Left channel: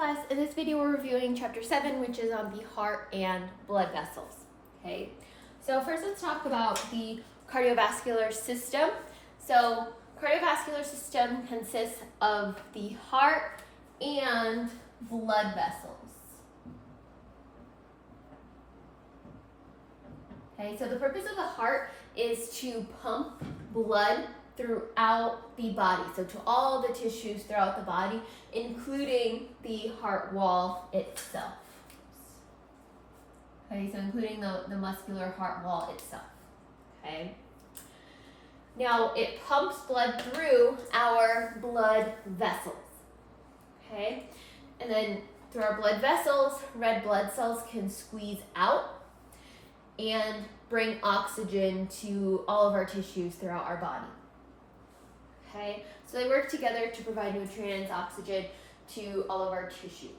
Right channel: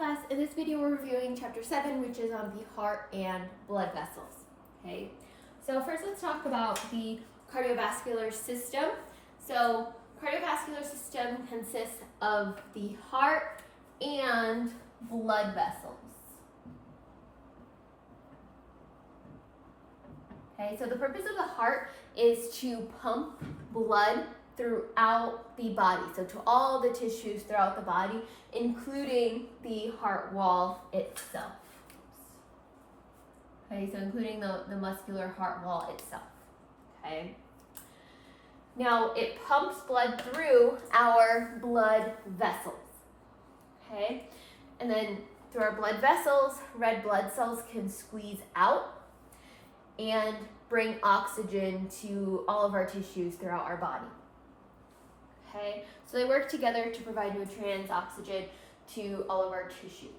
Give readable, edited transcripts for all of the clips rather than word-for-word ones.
class, in this video we're reviewing chapter 7, which is on the heart and blood vessels. Okay, so first let's talk about the cardiovascular system. So cardiovascular system consists of the heart and blood vessels. Okay, so the purpose of the heart is to pump blood throughout the body, so to all the tissues throughout the body, including the heart wall itself. Okay, so including the muscular heart wall itself. Okay. Now it pumps blood through our blood vessels. Okay, and then through our blood vessels, red blood cells can squeeze out and bring oxygen to all of our tissues throughout our body. Okay, so they work together to provide nutrients, oxygen to all of our tissues.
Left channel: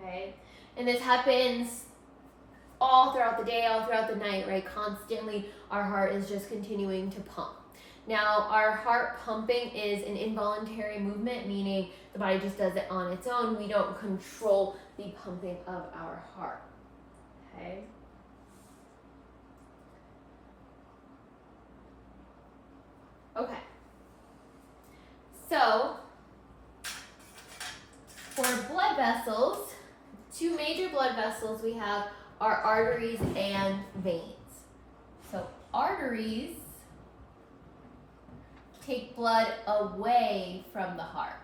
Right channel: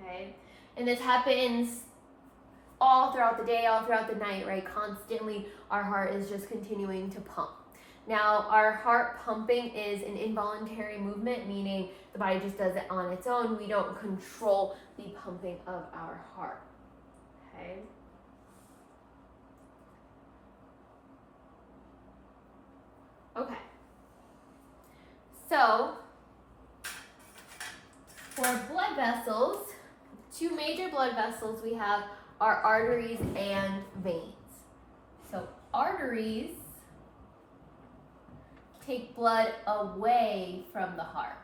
Okay, and this happens all throughout the day, all throughout the night, right? Constantly, our heart is just continuing to pump. Now, our heart pumping is an involuntary movement, meaning the body just does it on its own. We don't control the pumping of our heart. Okay. Okay. So, for blood vessels, two major blood vessels we have are arteries and veins. So, arteries take blood away from the heart.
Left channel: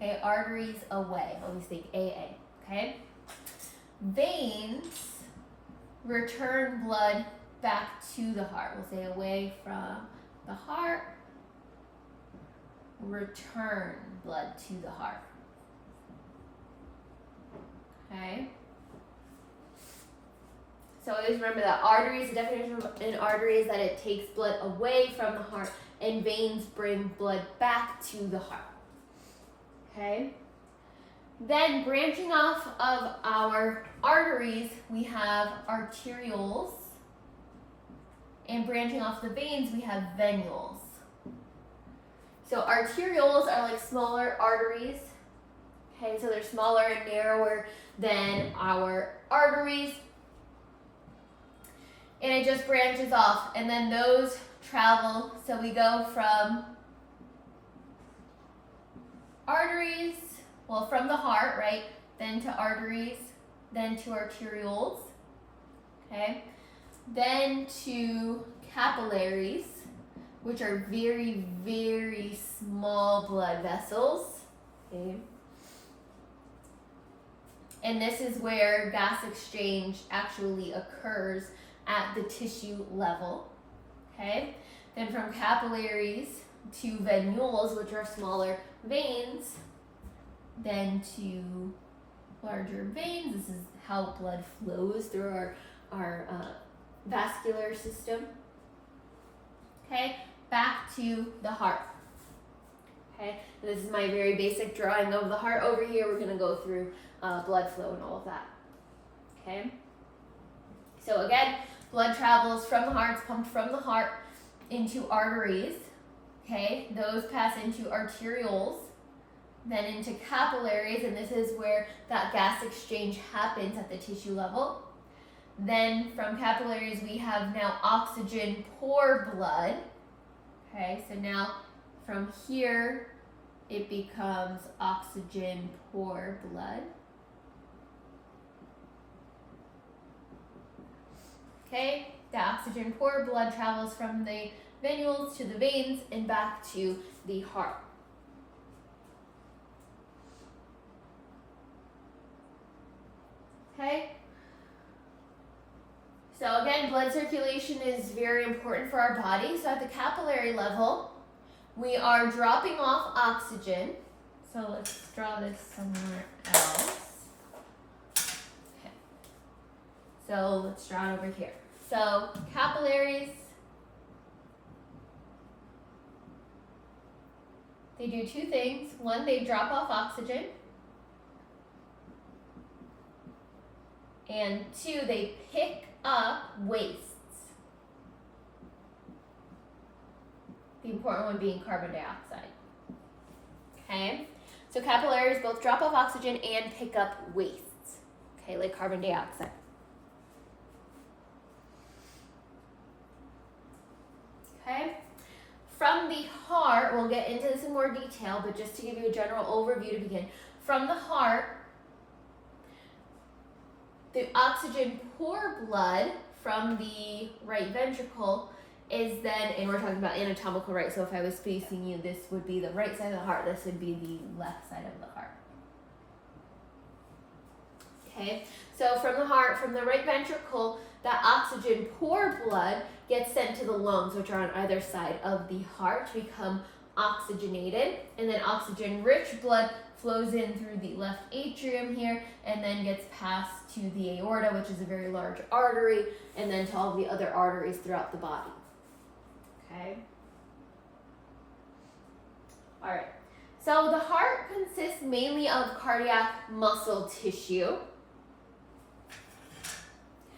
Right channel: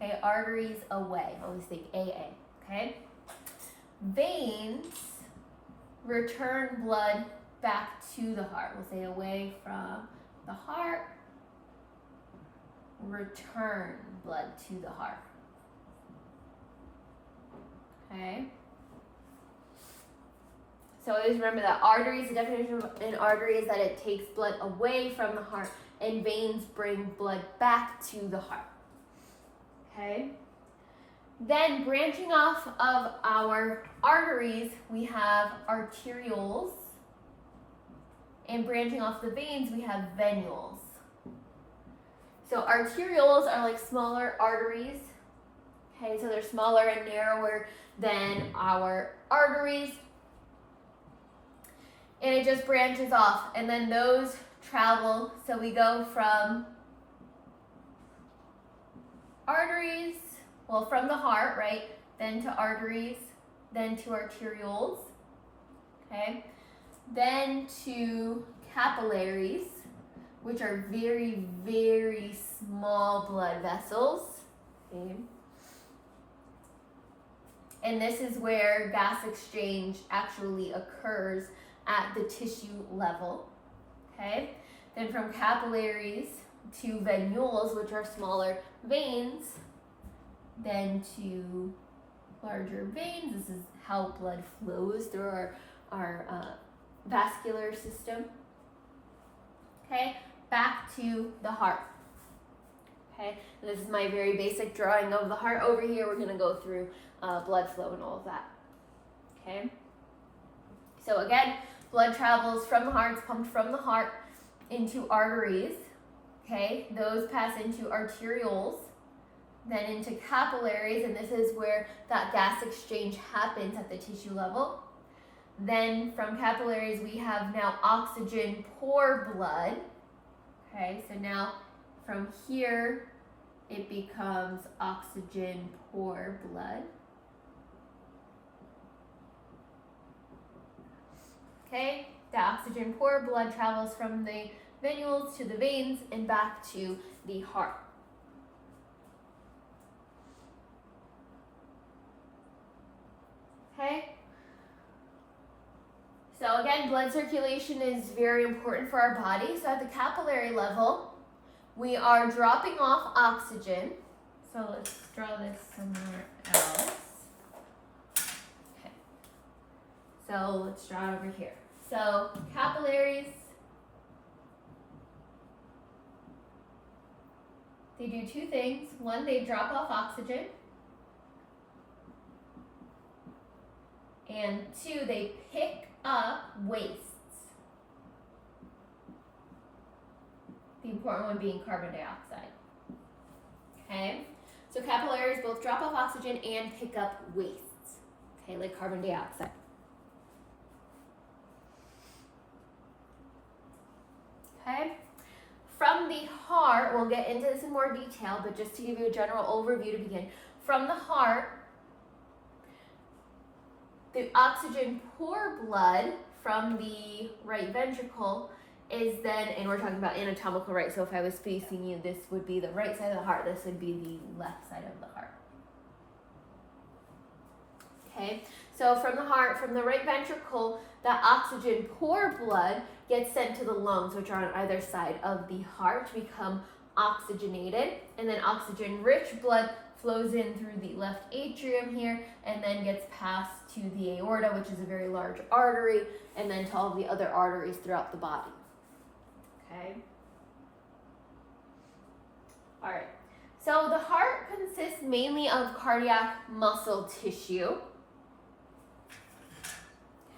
Okay, arteries away. Always think AA. Okay? Veins return blood back to the heart. We'll say away from the heart, return blood to the heart. Okay? So always remember that arteries, the definition of an artery is that it takes blood away from the heart, and veins bring blood back to the heart. Okay? Then branching off of our arteries, we have arterioles, and branching off the veins, we have venules. So arterioles are like smaller arteries. Okay, so they're smaller and narrower than our arteries. And it just branches off, and then those travel. So we go from arteries, well, from the heart, right? Then to arteries, then to arterioles. Okay. Then to capillaries, which are very, very small blood vessels. Okay. And this is where gas exchange actually occurs at the tissue level. Okay. Then from capillaries to venules, which are smaller veins, then to larger veins. This is how blood flows through our vascular system. Okay, back to the heart. Okay, this is my very basic drawing of the heart. Over here, we're going to go through blood flow and all of that. Okay, so again, blood travels from the heart, it's pumped from the heart into arteries. Okay, those pass into arterioles, then into capillaries, and this is where that gas exchange happens at the tissue level. Then from capillaries, we have now oxygen poor blood. Okay, so now from here, it becomes oxygen poor blood. Okay, the oxygen poor blood travels from the venules to the veins and back to the heart. Okay. So again, blood circulation is very important for our body. So at the capillary level, we are dropping off oxygen. So let's draw this somewhere else. Okay. So let's draw it over here. So capillaries, they do two things. One, they drop off oxygen. And two, they pick up wastes. The important one being carbon dioxide. Okay, So capillaries both drop off oxygen and pick up wastes, okay, like carbon dioxide. Okay. From the heart, we'll get into this in more detail, but just to give you a general overview to begin. From the heart, the oxygen poor blood from the right ventricle is then, and we're talking about anatomical right, so if I was facing you, this would be the right side of the heart, this would be the left side of the heart. Okay, so from the heart, from the right ventricle, that oxygen poor blood gets sent to the lungs, which are on either side of the heart, to become oxygenated, and then oxygen rich blood flows in through the left atrium here and then gets passed to the aorta, which is a very large artery, and then to all the other arteries throughout the body. Okay. All right. So the heart consists mainly of cardiac muscle tissue.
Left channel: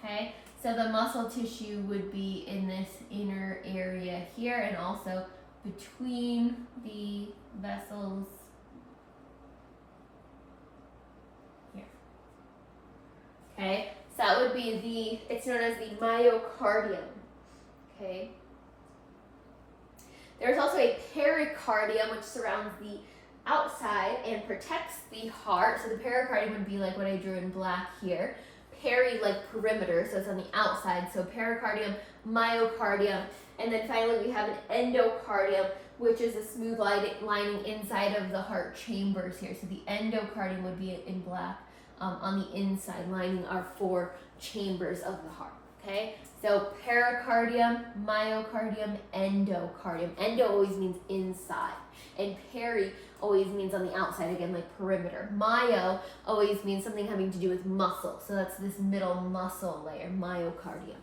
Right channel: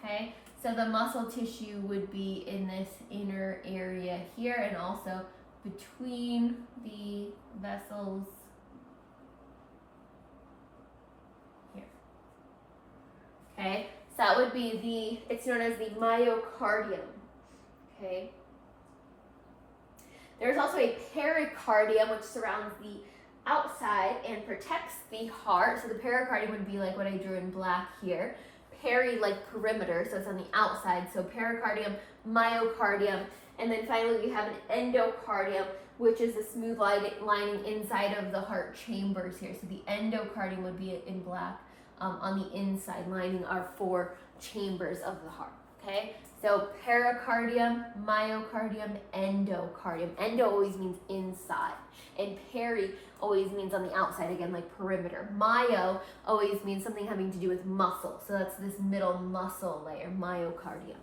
Okay. So the muscle tissue would be in this inner area here and also between the vessels here. Okay, so that would be it's known as the myocardium. Okay. There's also a pericardium, which surrounds the outside and protects the heart. So the pericardium would be like what I drew in black here. Peri, like perimeter, so it's on the outside. So pericardium, myocardium, and then finally we have an endocardium, which is the smooth lining inside of the heart chambers here. So the endocardium would be in black on the inside, lining our 4 chambers of the heart. Okay, so pericardium, myocardium, endocardium. Endo always means inside, and peri always means on the outside, again, like perimeter. Myo always means something having to do with muscle, so that's this middle muscle layer, myocardium.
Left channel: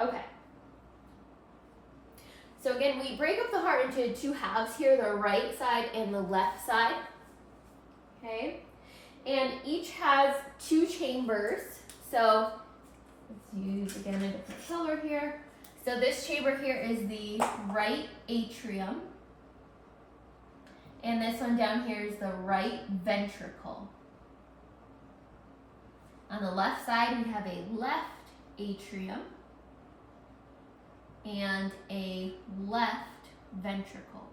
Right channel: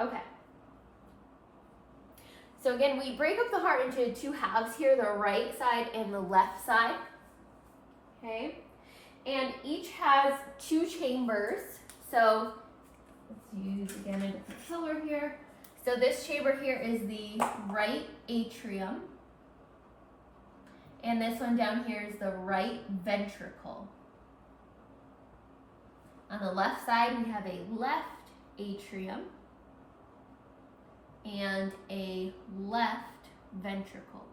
Okay. So again, we break up the heart into 2 halves here, the right side and the left side. Okay, and each has 2 chambers. So let's use again a different color here. So this chamber here is the right atrium, and this one down here is the right ventricle. On the left side, we have a left atrium and a left ventricle.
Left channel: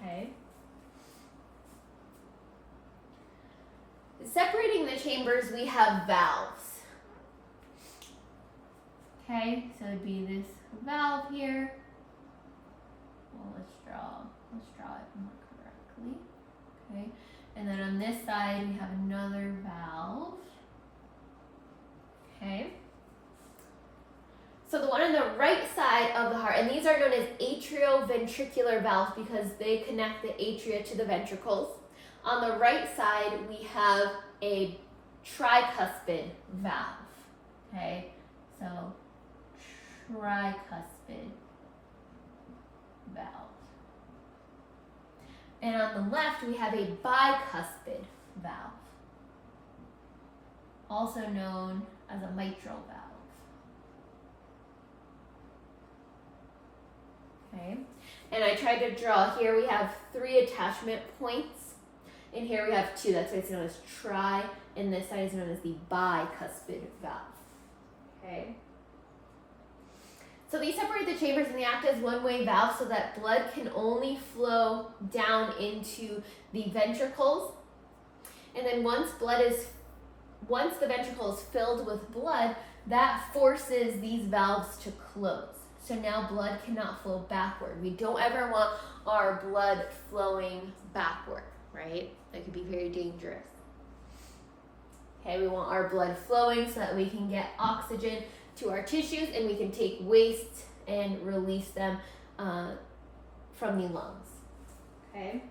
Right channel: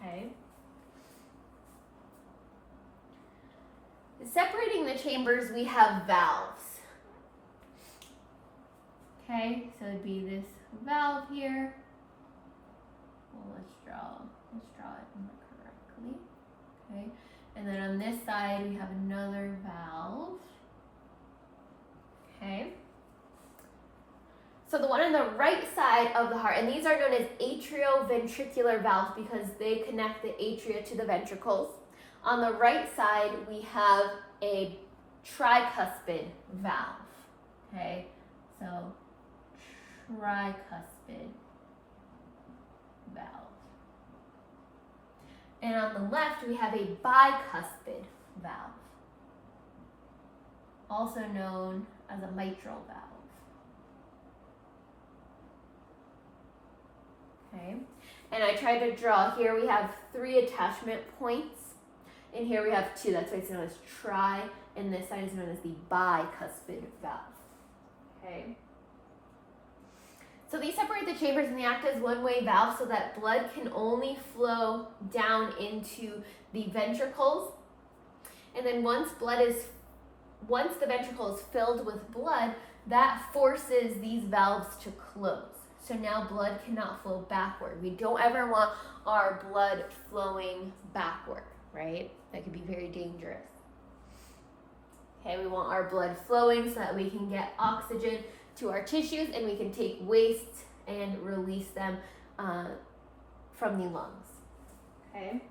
Okay. Separating the chambers, we have valves. Okay, so it'd be this valve here. Well, let's draw it more correctly. Okay, and then on this side we have another valve. Okay. So the one on the right side of the heart, and these are known as atrioventricular valves because they connect the atria to the ventricles. On the right side, we have a tricuspid valve. Okay, so tricuspid valve. And on the left, we have a bicuspid valve, also known as a mitral valve. Okay, and I tried to draw here, we have 3 attachment points. And here we have 2, that's why it's known as tri, and this side is known as the bicuspid valve. Okay. So these separate the chambers and they act as one-way valves so that blood can only flow down into the ventricles. And then once the ventricle is filled with blood, that forces these valves to close. So now blood cannot flow backward. We don't ever want our blood flowing backward, right? That could be very dangerous. Okay, we want our blood flowing so that we can get oxygen to our tissues and we can take waste and release them from the lungs. Okay.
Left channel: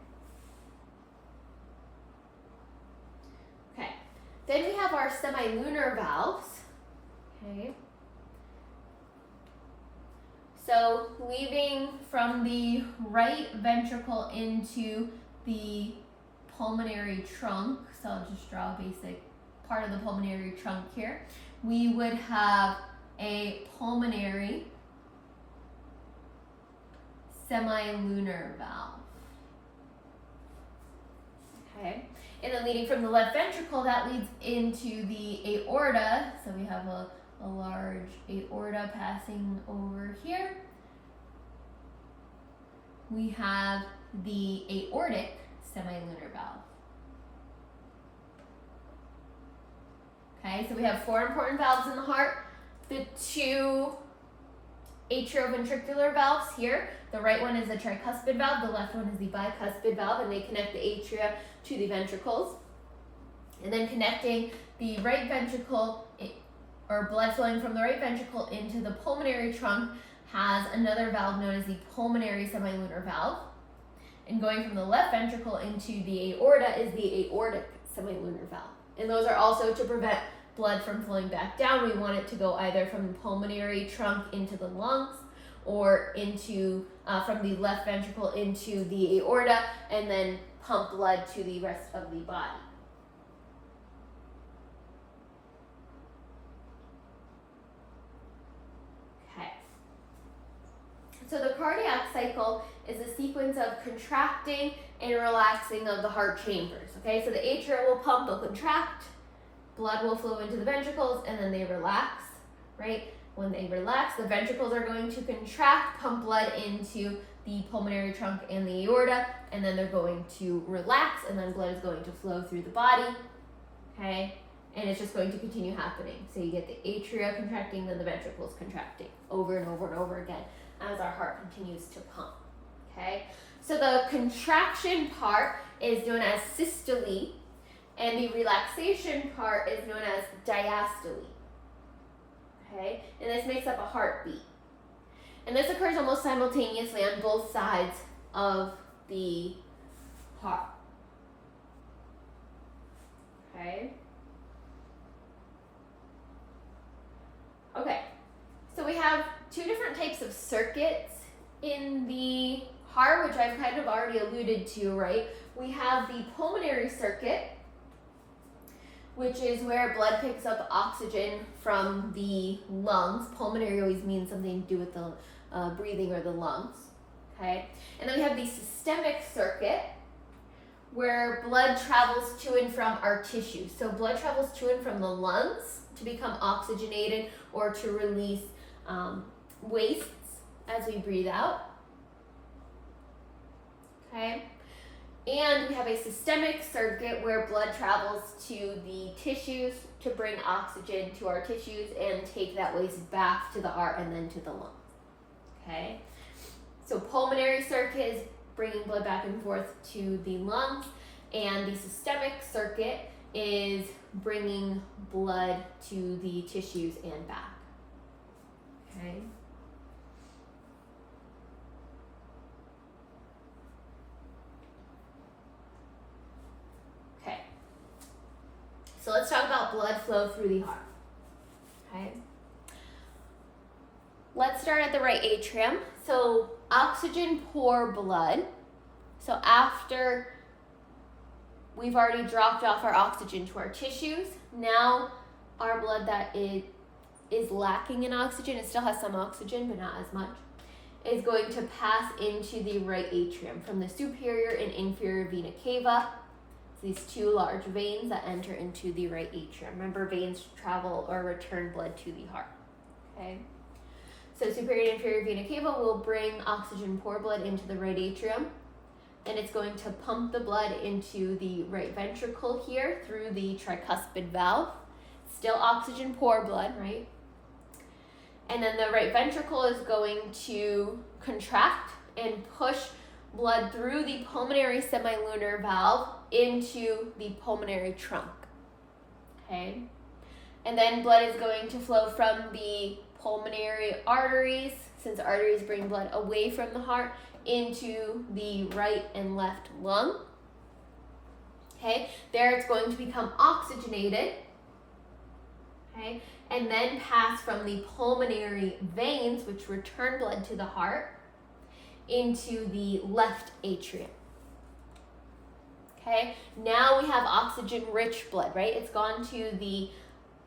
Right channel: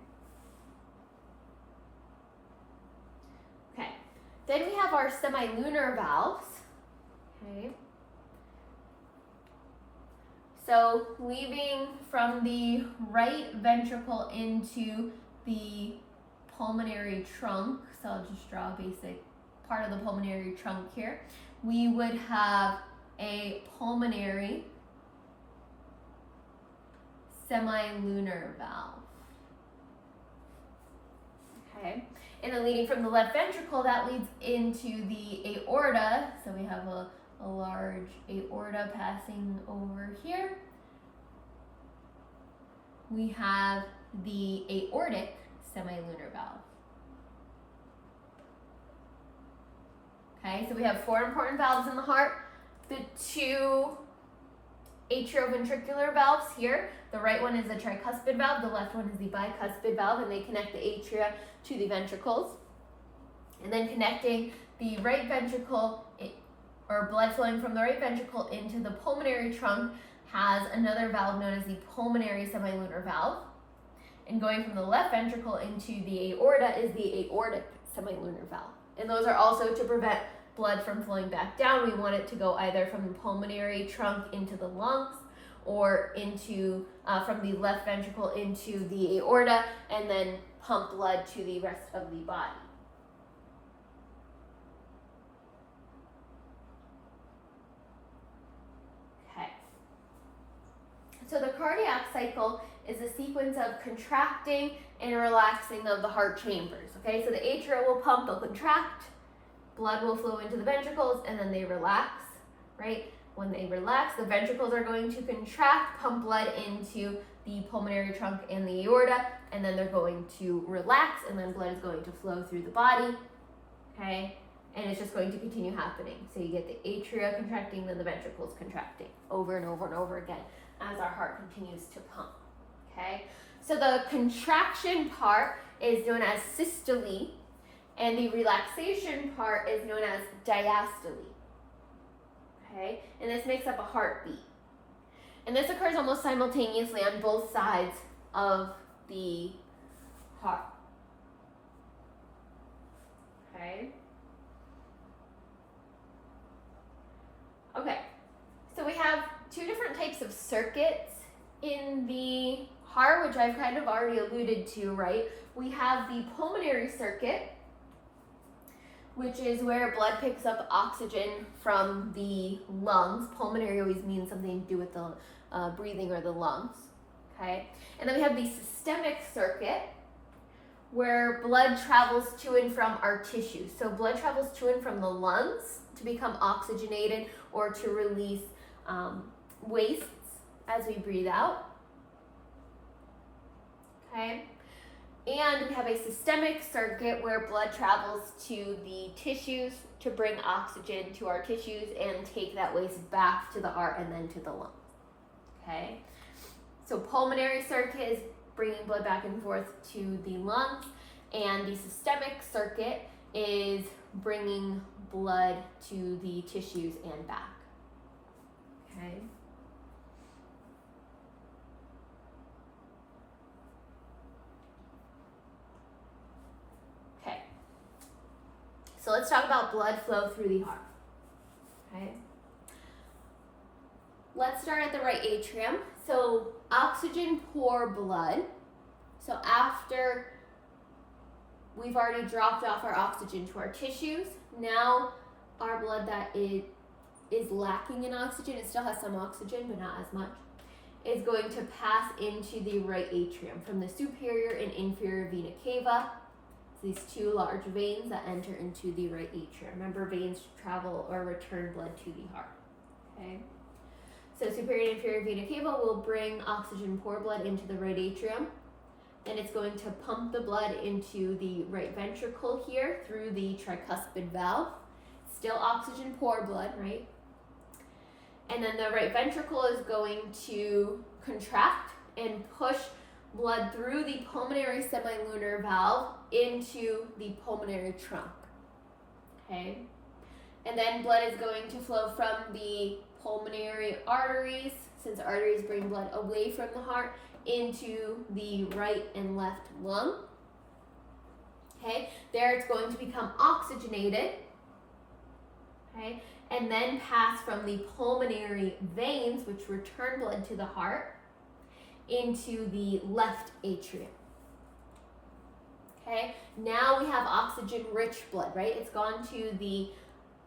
Okay. Then we have our semilunar valves. Okay. So leaving from the right ventricle into the pulmonary trunk, so I'll just draw a basic part of the pulmonary trunk here, we would have a pulmonary semilunar valve. Okay, and then leading from the left ventricle, that leads into the aorta. So we have a large aorta passing over here. We have the aortic semilunar valve. Okay, so we have 4 important valves in the heart. The 2 atrioventricular valves here. The right one is the tricuspid valve, the left one is the bicuspid valve, and they connect the atria to the ventricles. And then connecting the right ventricle, or blood flowing from the right ventricle into the pulmonary trunk, has another valve known as the pulmonary semilunar valve. And going from the left ventricle into the aorta is the aortic semilunar valve. And those are also to prevent blood from flowing back down. We want it to go either from the pulmonary trunk into the lungs, or into from the left ventricle into the aorta, and then pump blood to the rest of the body. Okay. So the cardiac cycle is a sequence of contracting and relaxing of the heart chambers. Okay, so the atria will pump, they'll contract, blood will flow into the ventricles, and then they relax, right? When they relax, the ventricles are going to contract, pump blood into the pulmonary trunk and the aorta, and then they're going to relax, and then blood is going to flow through the body, okay? And it's just going to continue happening. So you get the atria contracting, then the ventricles contracting over and over and over again as our heart continues to pump, okay? So the contraction part is known as systole, and the relaxation part is known as diastole. Okay, and this makes up a heartbeat. And this occurs almost simultaneously on both sides of the heart. Okay. Okay, so we have 2 different types of circuits in the heart, which I've kind of already alluded to, right? We have the pulmonary circuit, which is where blood picks up oxygen from the lungs. Pulmonary always means something to do with the breathing or the lungs, okay? And then we have the systemic circuit, where blood travels to and from our tissues. So blood travels to and from the lungs to become oxygenated or to release wastes as we breathe out, okay? And we have a systemic circuit where blood travels to the tissues to bring oxygen to our tissues and take that waste back to the heart and then to the lungs. Okay? So pulmonary circuit is bringing blood back and forth to the lungs, and the systemic circuit is bringing blood to the tissues and back. Okay? So let's talk about blood flow through the heart, okay? Let's start at the right atrium. So oxygen poor blood. So after we've already dropped off our oxygen to our tissues, now our blood that is lacking in oxygen, it still has some oxygen, but not as much, is going to pass into the right atrium from the superior and inferior vena cava. These 2 large veins that enter into the right atrium. Remember, veins travel or return blood to the heart. Okay. So superior and inferior vena cava will bring oxygen poor blood into the right atrium. Then it's going to pump the blood into the right ventricle here through the tricuspid valve. Still oxygen poor blood, right? And then the right ventricle is going to contract and push blood through the pulmonary semilunar valve into the pulmonary trunk, okay? And then blood is going to flow from the pulmonary arteries, since arteries bring blood away from the heart, into the right and left lung, okay? There it's going to become oxygenated, okay? And then pass from the pulmonary veins, which return blood to the heart, into the left atrium. Okay, now we have oxygen-rich blood, right? It's gone to the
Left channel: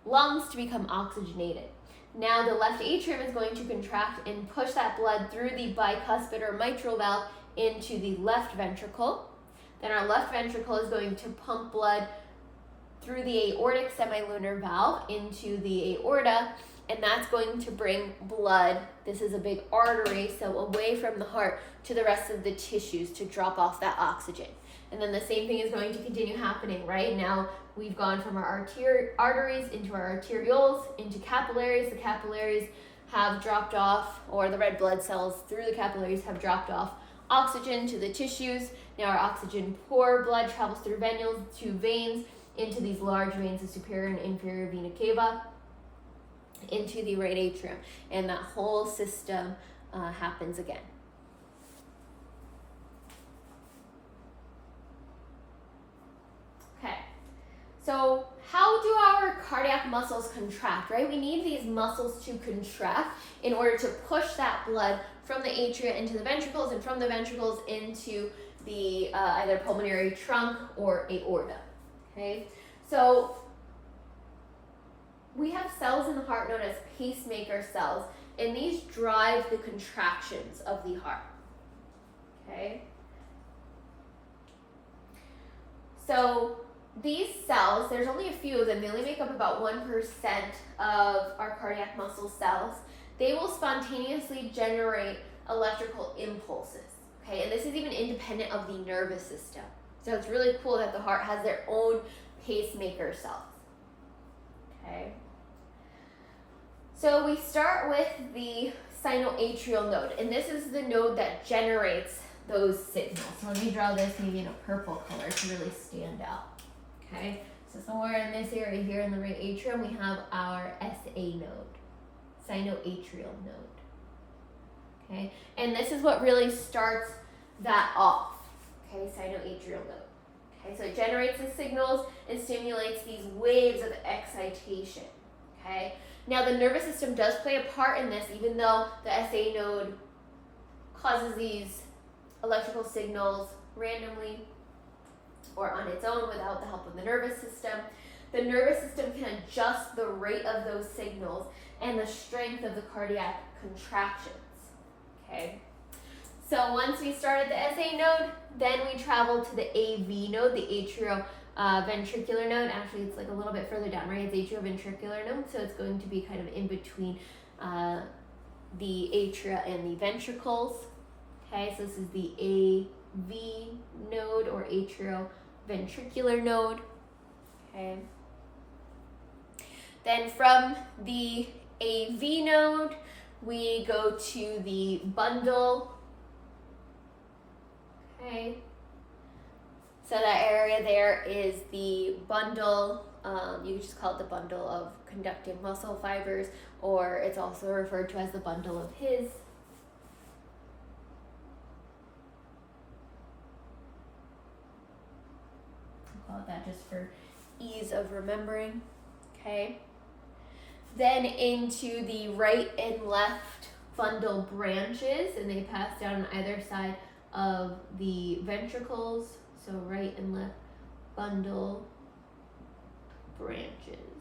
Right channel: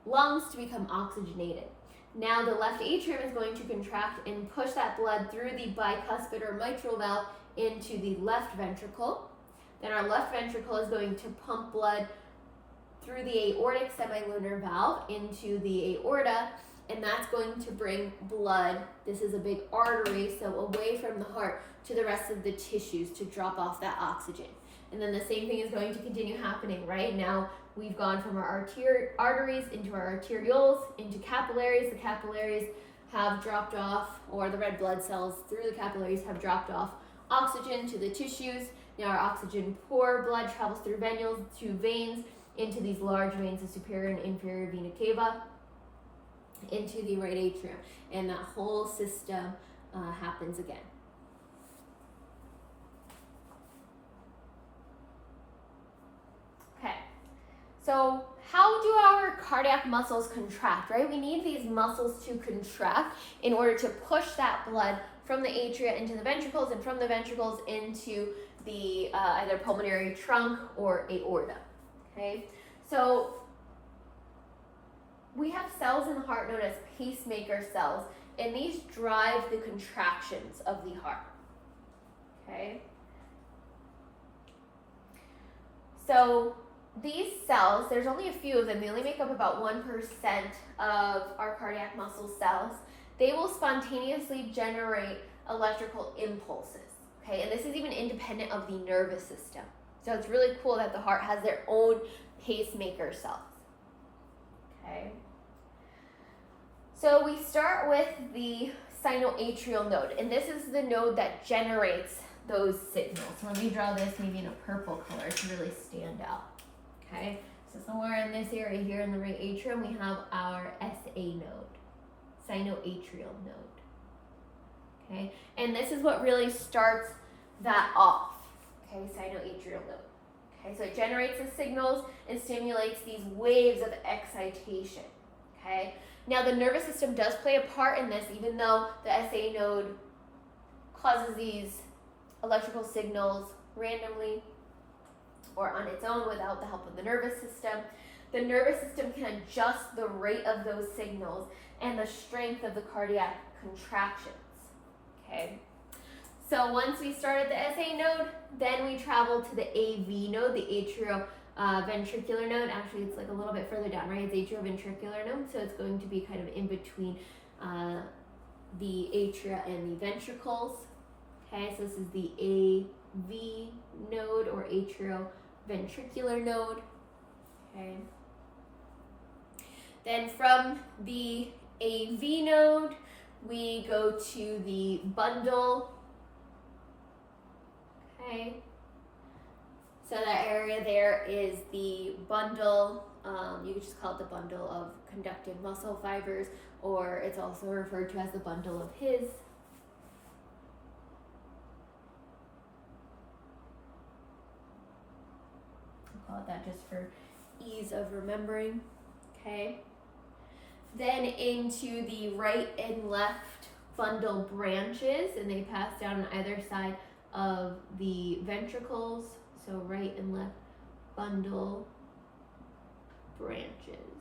lungs to become oxygenated. Now the left atrium is going to contract and push that blood through the bicuspid or mitral valve into the left ventricle. Then our left ventricle is going to pump blood through the aortic semilunar valve into the aorta, and that's going to bring blood, this is a big artery, so away from the heart to the rest of the tissues to drop off that oxygen. And then the same thing is going to continue happening, right? Now we've gone from our arteries into our arterioles, into capillaries. The capillaries have dropped off, or the red blood cells through the capillaries have dropped off oxygen to the tissues. Now our oxygen poor blood travels through venules to veins, into these large veins, the superior and inferior vena cava, into the right atrium, and that whole system happens again. Okay, so how do our cardiac muscles contract, right? We need these muscles to contract in order to push that blood from the atria into the ventricles, and from the ventricles into the either pulmonary trunk or aorta. Okay, so we have cells in the heart known as pacemaker cells, and these drive the contractions of the heart. Okay, so these cells, there's only a few of them, they only make up about 1% of our cardiac muscle cells. They will spontaneously generate electrical impulses. Okay, and this is even independent of the nervous system. So it's really cool that the heart has their own pacemaker cells. Okay. So we start with the sinoatrial node, and this is the node that generates those signals. So let me draw this maybe in a purple color to really stand out. Okay, so somewhere in this area here in the right atrium, we have our SA node, sinoatrial node. Okay, and this is what really starts that off. Okay, sinoatrial node. Okay, so it generates the signals and stimulates these waves of excitation. Okay, now the nervous system does play a part in this, even though the SA node causes these electrical signals randomly or on its own without the help of the nervous system. The nervous system can adjust the rate of those signals and the strength of the cardiac contractions. Okay. So once we start at the SA node, then we travel to the AV node, the atrioventricular node. Actually, it's like a little bit further down, right? It's atrioventricular node, so it's going to be kind of in between the atria and the ventricles. Okay, so this is the AV node or atrioventricular node. Okay. Then from the AV node, we go to the bundle. Okay, so that area there is the bundle, you could just call it the bundle of conductive muscle fibers, or it's also referred to as the bundle of His. I'll call it that just for ease of remembering. Okay, then into the right and left bundle branches, and they pass down on either side of the ventricles, so right and left bundle branches.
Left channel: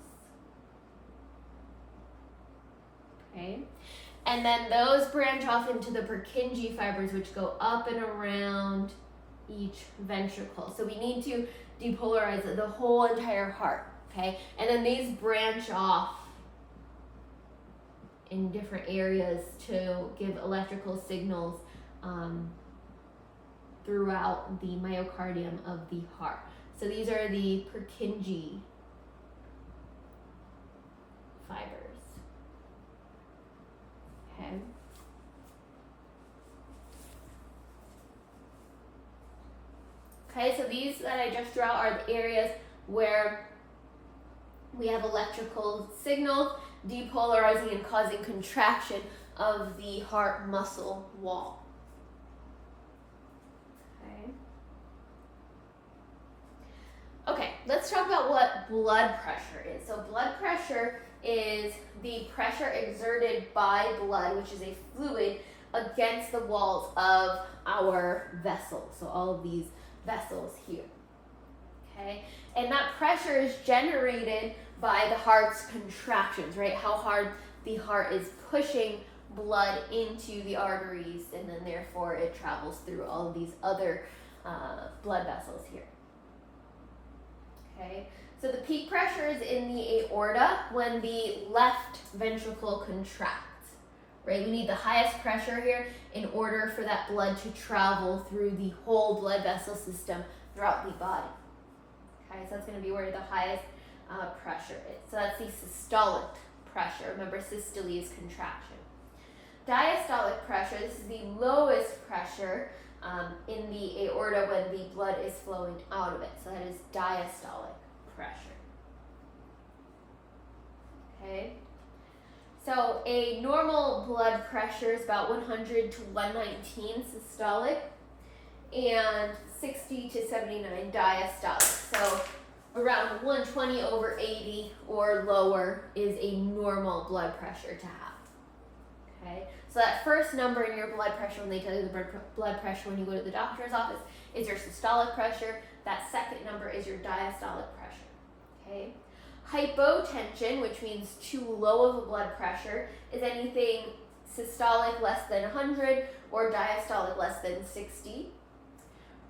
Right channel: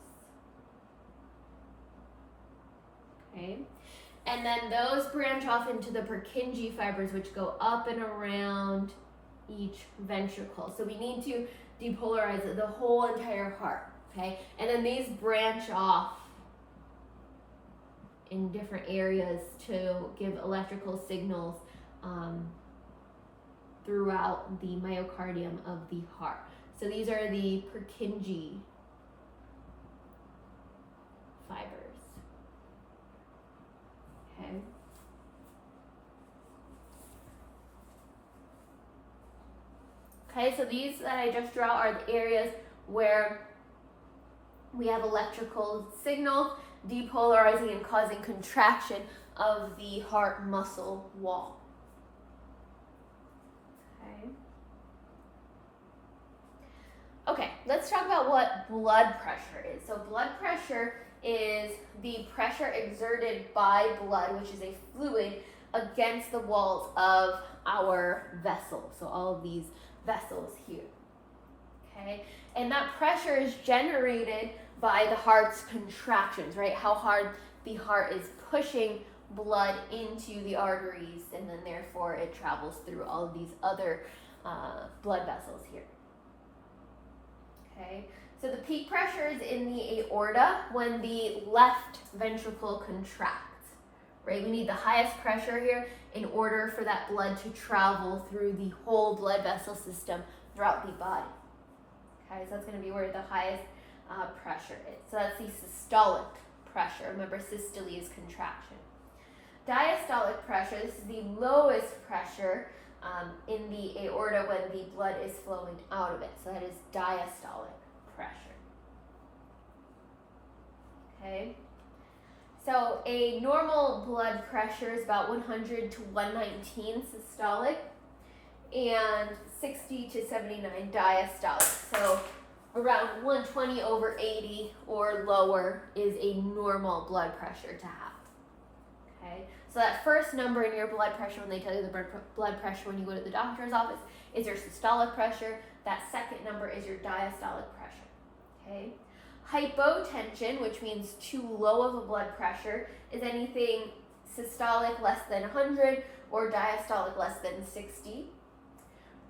Okay, and then those branch off into the Purkinje fibers, which go up and around each ventricle. So we need to depolarize the whole entire heart. Okay, and then these branch off in different areas to give electrical signals throughout the myocardium of the heart. So these are the Purkinje fibers. Okay. Okay, so these that I just draw are the areas where we have electrical signal depolarizing and causing contraction of the heart muscle wall. Okay, let's talk about what blood pressure is. So blood pressure is the pressure exerted by blood, which is a fluid, against the walls of our vessels. So all of these vessels here. Okay, and that pressure is generated by the heart's contractions, right? How hard the heart is pushing blood into the arteries, and then therefore it travels through all of these other blood vessels here. Okay, so the peak pressure is in the aorta when the left ventricle contracts, right? We need the highest pressure here in order for that blood to travel through the whole blood vessel system throughout the body. Okay, so that's going to be where the highest pressure is. So that's the systolic pressure. Remember, systole is contraction. Diastolic pressure, this is the lowest pressure in the aorta when the blood is flowing out of it. So that is diastolic pressure. Okay. So a normal blood pressure is about 100 to 119 systolic and 60 to 79 diastolic. So around 120 over 80 or lower is a normal blood pressure to have. Okay, so that first number in your blood pressure when they tell you the blood pressure when you go to the doctor's office is your systolic pressure. That second number is your diastolic pressure. Okay, hypotension, which means too low of a blood pressure, is anything systolic less than 100 or diastolic less than 60.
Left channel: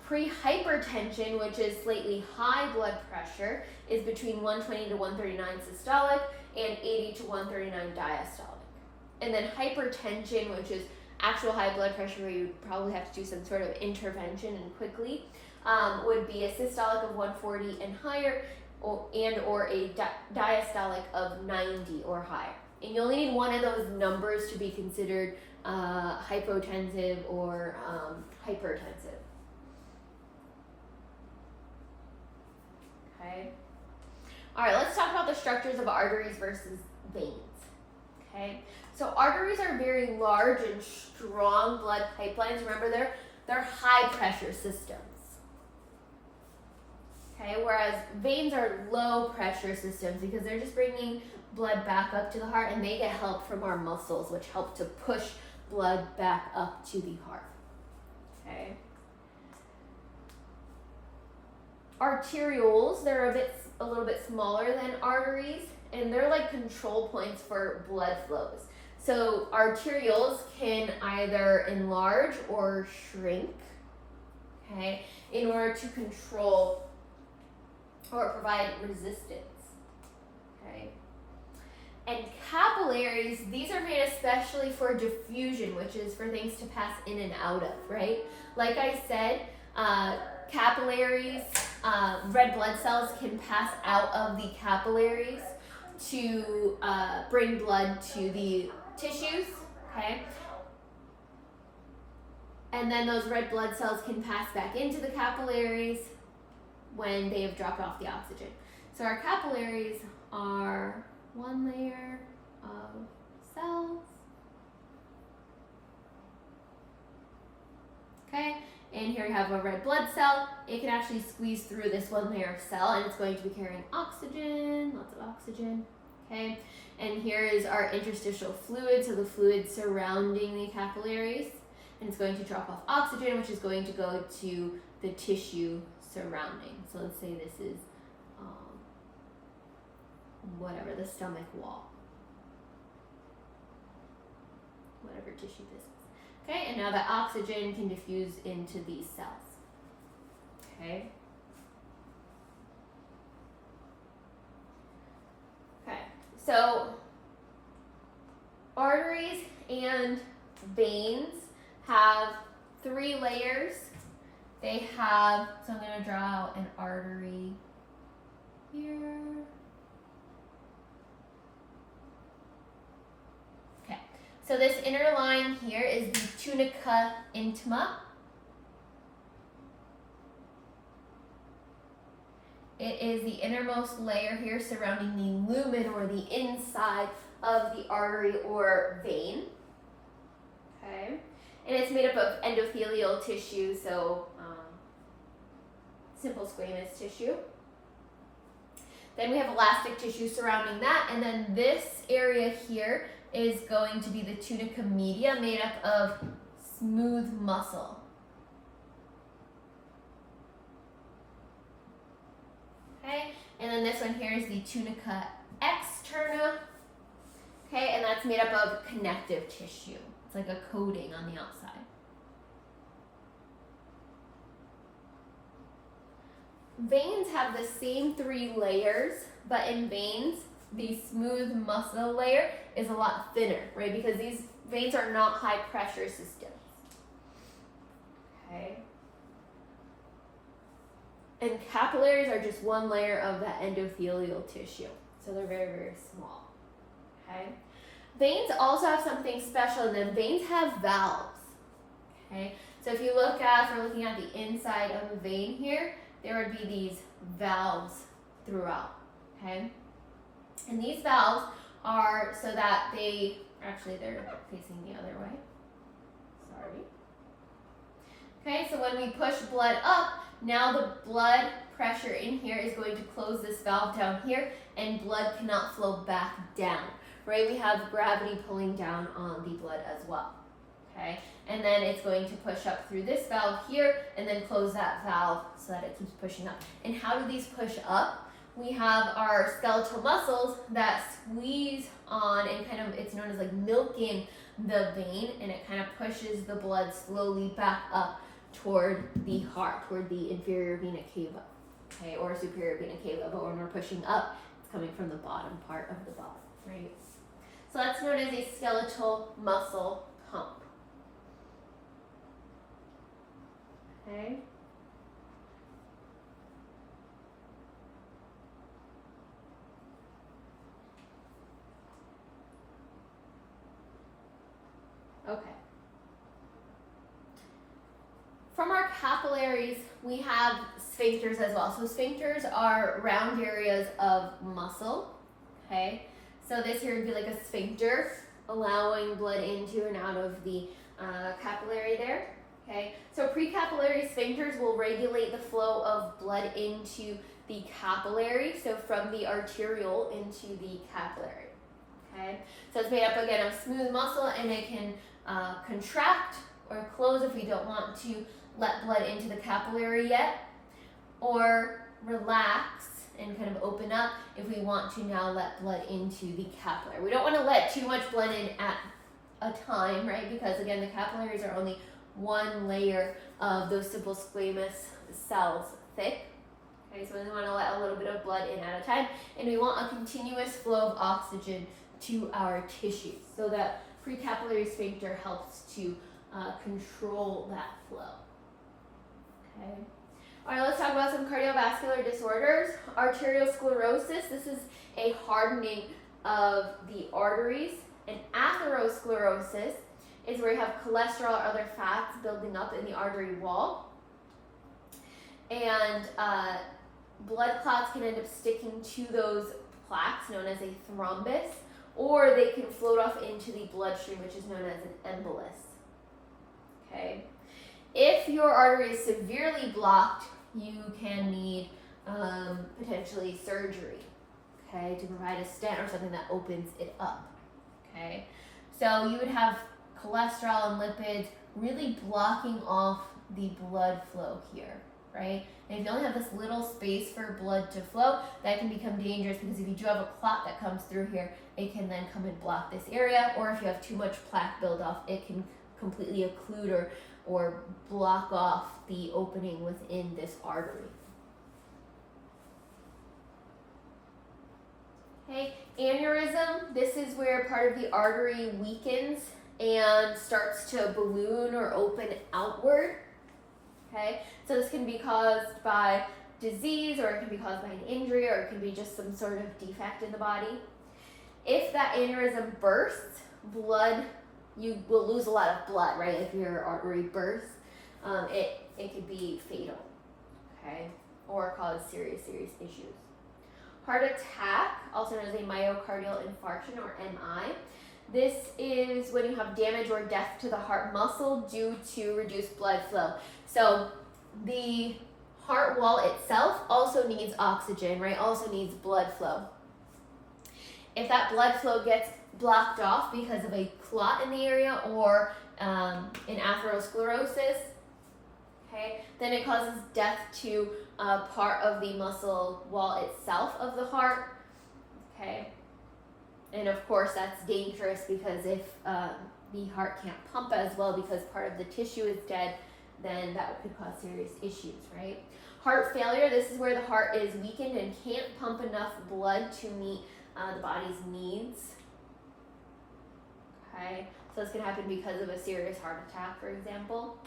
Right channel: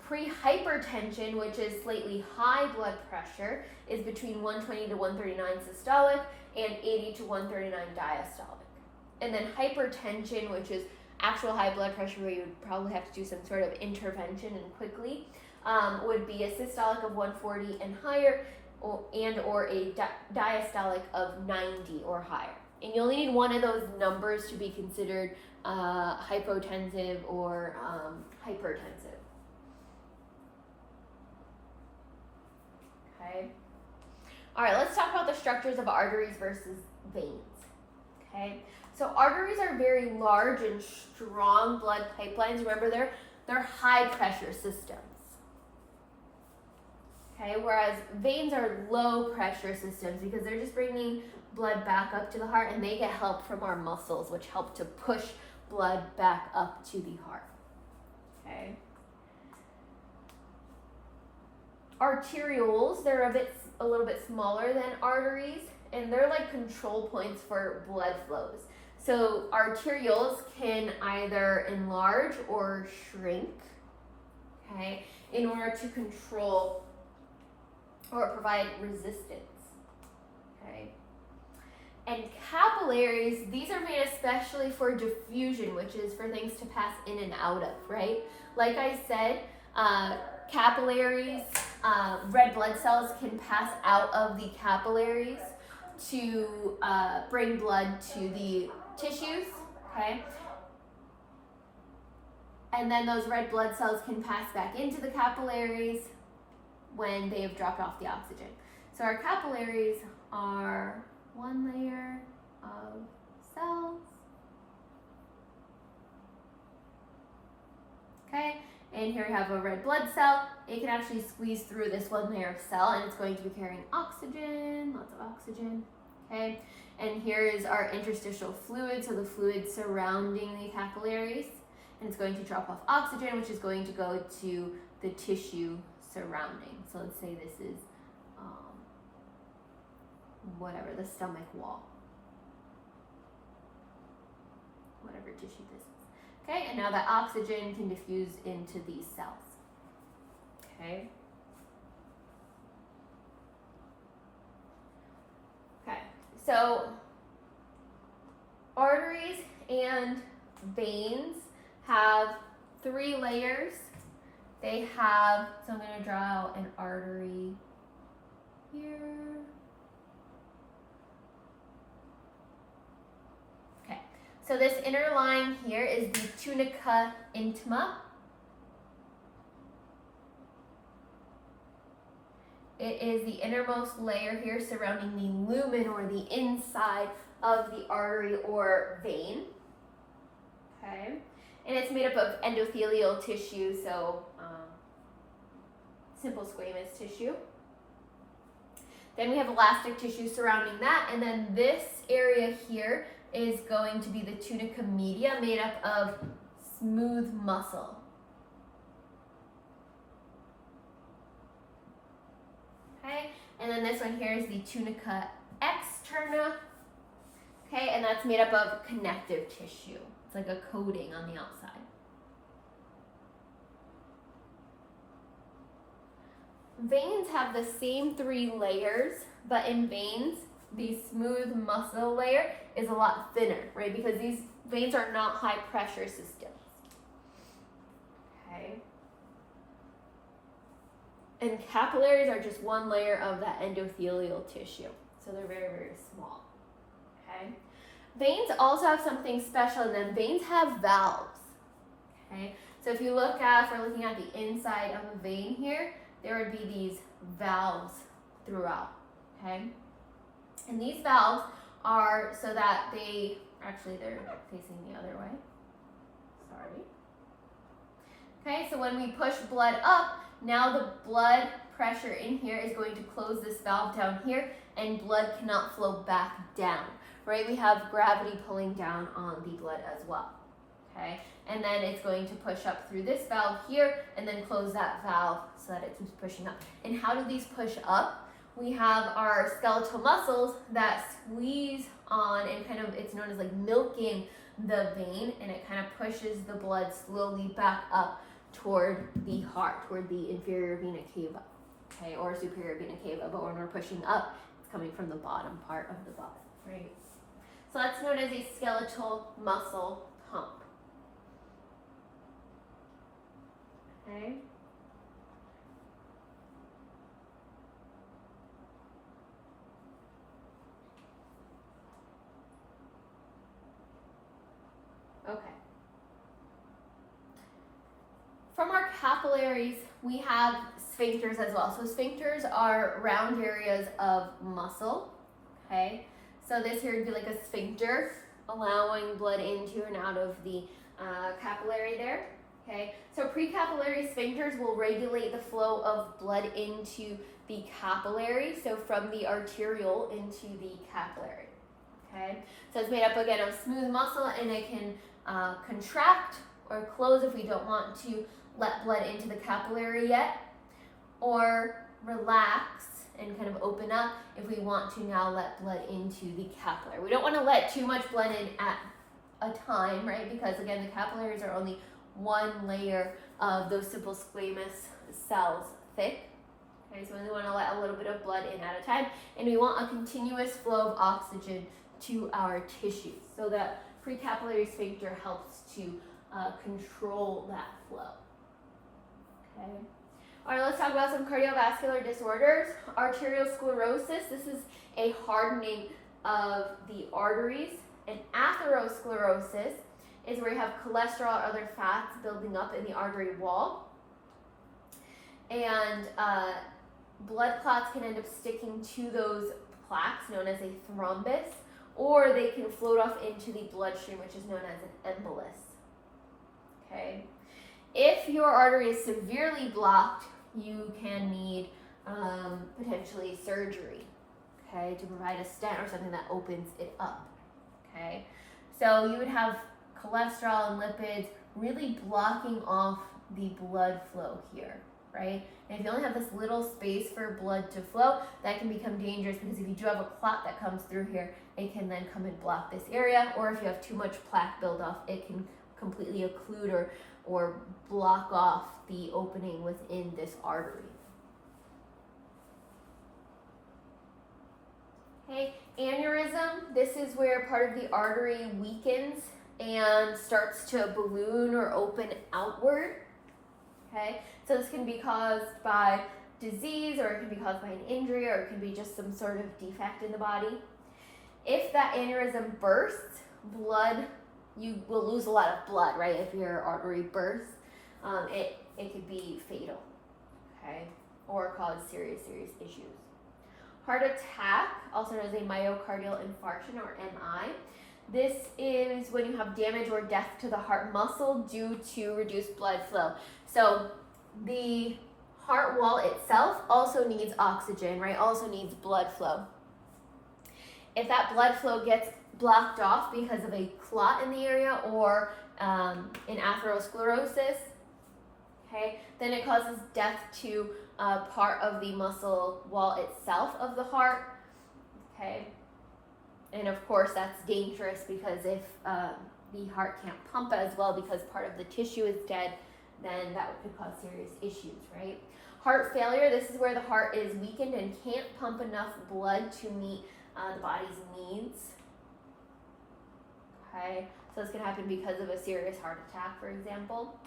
Pre-hypertension, which is slightly high blood pressure, is between 120 to 139 systolic and 80 to 139 diastolic. And then hypertension, which is actual high blood pressure where you would probably have to do some sort of intervention and quickly, would be a systolic of 140 and higher, or a diastolic of 90 or higher. And you only need one of those numbers to be considered hypotensive or hypertensive. Okay. All right, let's talk about the structures of arteries versus veins. Okay. So arteries are very large and strong blood pipelines. Remember, they're high pressure systems. Okay, whereas veins are low pressure systems because they're just bringing blood back up to the heart, and they get help from our muscles, which help to push blood back up to the heart. Okay. Arterioles, they're a little bit smaller than arteries, and they're like control points for blood flows. So arterioles can either enlarge or shrink, okay, in order to control or provide resistance, okay. And capillaries, these are made especially for diffusion, which is for things to pass in and out of, right? Like I said, capillaries, red blood cells can pass out of the capillaries to bring blood to the tissues, okay? And then those red blood cells can pass back into the capillaries when they have dropped off the oxygen. So our capillaries are one layer of cells, okay? And here we have a red blood cell. It can actually squeeze through this one layer of cell, and it's going to be carrying oxygen, lots of oxygen, okay? And here is our interstitial fluid, so the fluid surrounding the capillaries, and it's going to drop off oxygen, which is going to go to the tissue surrounding. So let's say this is whatever, the stomach wall, whatever tissue this is. Okay, and now that oxygen can diffuse into these cells. Okay. Okay, so arteries and veins have 3 layers. They have, so I'm going to draw out an artery here. Okay, so this inner line here is the tunica intima. It is the innermost layer here surrounding the lumen or the inside of the artery or vein. Okay, and it's made up of endothelial tissue, so simple squamous tissue. Then we have elastic tissue surrounding that, and then this area here is going to be the tunica media, made up of smooth muscle. Okay, and then this one here is the tunica externa. Okay, and that's made up of connective tissue. It's like a coating on the outside. Veins have the same 3 layers, but in veins, the smooth muscle layer is a lot thinner, right? Because these veins are not high pressure systems. Okay. And capillaries are just 1 layer of that endothelial tissue. So they're very, very small. Okay. Veins also have something special in them. Veins have valves. Okay. So if you look at, if we're looking at the inside of the vein here, there would be these valves throughout. Okay. And these valves are so that they're facing the other way. Sorry. Okay, so when we push blood up, now the blood pressure in here is going to close this valve down here, and blood cannot flow back down, right? We have gravity pulling down on the blood as well, okay? And then it's going to push up through this valve here, and then close that valve so that it keeps pushing up. And how do these push up? We have our skeletal muscles that squeeze on, and kind of, it's known as like milking the vein, and it kind of pushes the blood slowly back up toward the heart, toward the inferior vena cava, okay, or superior vena cava. But when we're pushing up, it's coming from the bottom part of the body, right? So that's known as a skeletal muscle pump. Okay. Okay. From our capillaries, we have sphincters as well. So sphincters are round areas of muscle, okay? So this here would be like a sphincter, allowing blood into and out of the capillary there, okay? So precapillary sphincters will regulate the flow of blood into the capillary, so from the arteriole into the capillary, okay? So it's made up again of smooth muscle, and it can contract or close if we don't want to let blood into the capillary yet, or relax and kind of open up if we want to now let blood into the capillary. We don't want to let too much blood in at a time, right? Because again, the capillaries are only 1 layer of those simple squamous cells thick. Okay, so we want to let a little bit of blood in at a time, and we want a continuous flow of oxygen to our tissues, so that precapillary sphincter helps to control that flow. Okay. All right, let's talk about some cardiovascular disorders. Arteriosclerosis, this is a hardening of the arteries. And atherosclerosis is where you have cholesterol or other fats building up in the artery wall. And blood clots can end up sticking to those plaques, known as a thrombus, or they can float off into the bloodstream, which is known as an embolus. Okay. If your artery is severely blocked, you can need potentially surgery, okay, to provide a stent or something that opens it up, okay? So you would have cholesterol and lipids really blocking off the blood flow here, right? And if you only have this little space for blood to flow, that can become dangerous, because if you do have a clot that comes through here, it can then come and block this area, or if you have too much plaque buildup, it can completely occlude or block off the opening within this artery. Okay, aneurysm, this is where part of the artery weakens and starts to balloon or open outward. Okay, so this can be caused by disease, or it can be caused by an injury, or it can be just some sort of defect in the body. If that aneurysm bursts, you will lose a lot of blood, right? If your artery bursts, it could be fatal, okay, or cause serious issues. Heart attack, also known as a myocardial infarction, or MI. This is when you have damage or death to the heart muscle due to reduced blood flow. So the heart wall itself also needs oxygen, right? Also needs blood flow. If that blood flow gets blocked off because of a clot in the area, or in atherosclerosis, okay, then it causes death to part of the muscle wall itself of the heart, okay, And of course, that's dangerous because if the heart can't pump as well because part of the tissue is dead, then that could cause serious issues, right? Heart failure, this is where the heart is weakened and can't pump enough blood to meet the body's needs. Okay, so this can happen because of a serious heart attack, for example.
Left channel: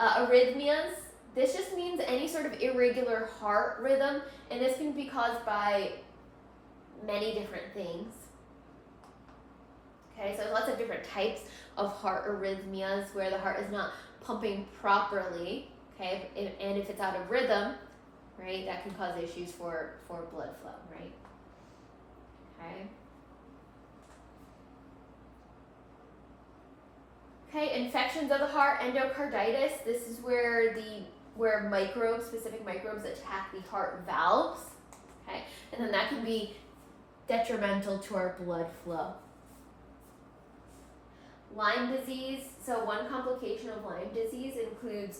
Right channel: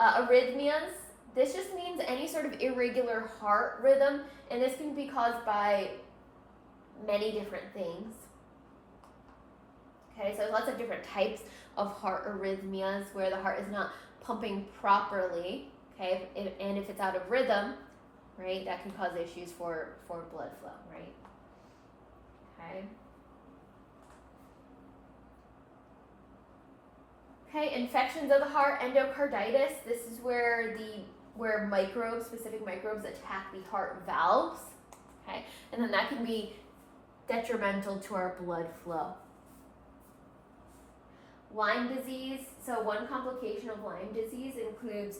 Arrhythmias, this just means any sort of irregular heart rhythm, and this can be caused by many different things. Okay, so lots of different types of heart arrhythmias where the heart is not pumping properly, okay, and if it's out of rhythm, right, that can cause issues for blood flow, right? Okay. Okay, infections of the heart, endocarditis. This is where microbes, specific microbes, attack the heart valves. Okay, and then that can be detrimental to our blood flow. Lyme disease. So one complication of Lyme disease includes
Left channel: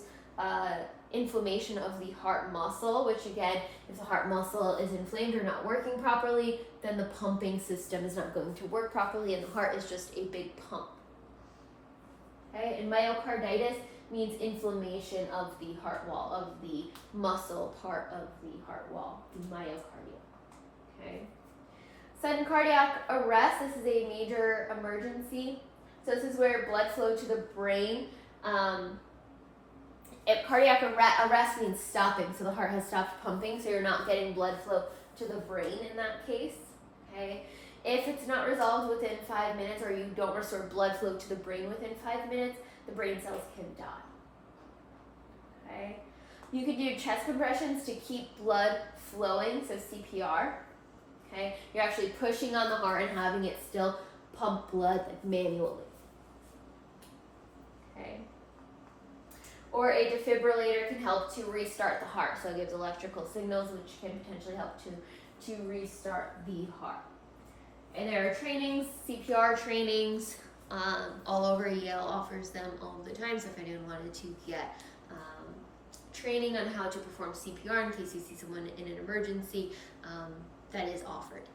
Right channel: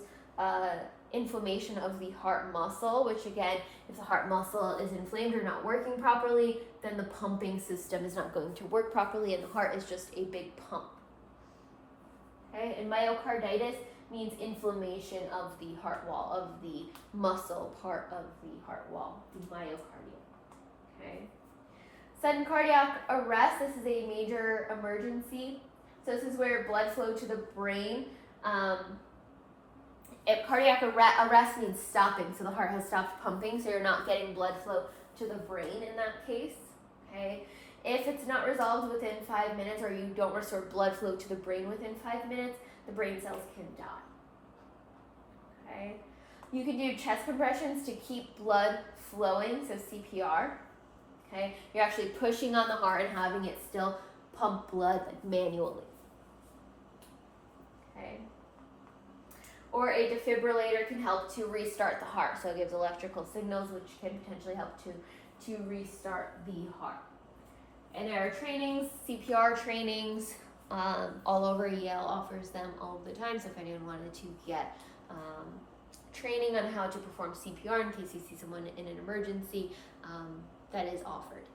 inflammation of the heart muscle, which again, if the heart muscle is inflamed or not working properly, then the pumping system is not going to work properly and the heart is just a big pump. Okay, and myocarditis means inflammation of the heart wall, of the muscle part of the heart wall, the myocardium. Okay. Sudden cardiac arrest, this is a major emergency. So this is where blood flow to the brain. If cardiac arrest means stopping, so the heart has stopped pumping, so you're not getting blood flow to the brain in that case. Okay. If it's not resolved within 5 minutes or you don't restore blood flow to the brain within 5 minutes, the brain cells can die. Okay. You can do chest compressions to keep blood flowing, so CPR. Okay. You're actually pushing on the heart and having it still pump blood manually. Okay. Or a defibrillator can help to restart the heart, so it gives electrical signals which can potentially help to restart the heart. And there are trainings, CPR trainings, all over. Yale offers them all the time, so if anyone wanted to get training on how to perform CPR in case you see someone in an emergency, that is offered.